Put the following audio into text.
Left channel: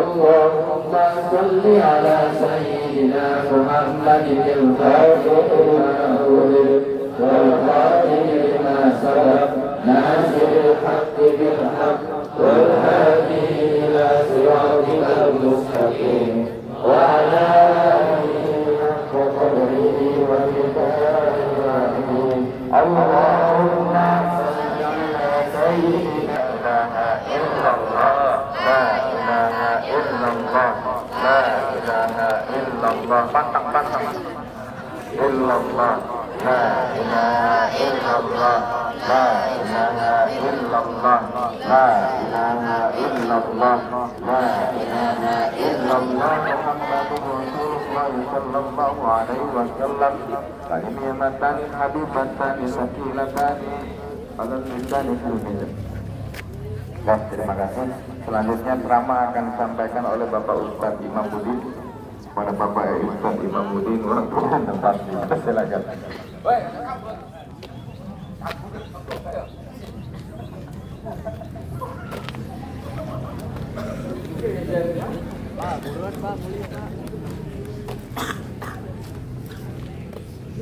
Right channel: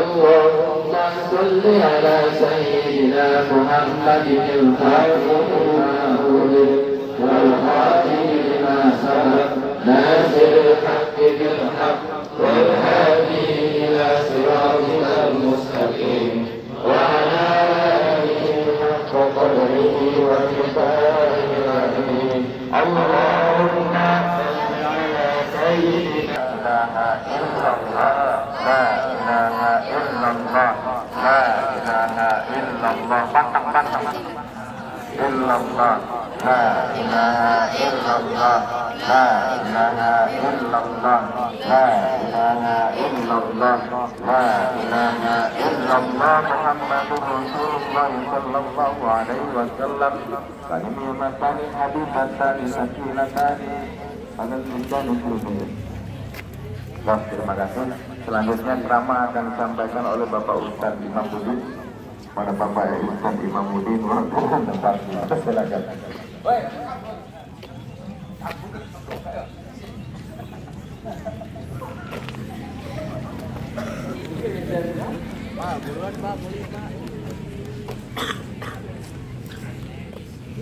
اللهم صل على سيدنا محمد الفاتح والخاتم لما سبق ناصر الحق بالحق والهادي إلى صراطك المستقيم وعلى آله حق قدره ومقداره العظيم اللهم صل على سيدنا لا إله إلا الله لا إله إلا الله إلا الله لا إله إلا الله لا إله إلا الله لا إله إلا الله لا إله إلا الله محمد رسول الله صلى الله عليه وسلم كلمتان حبيبتان ثقيلتان على اللسان الحميد. Terima kasih. Selanjutnya ceramah akan disampaikan oleh Bapak Ustadz Imamuddin pada Bapak Ustadz Imamuddin wartawan tempatnya. Silakan. Pak, buruan Pak, boleh Pak.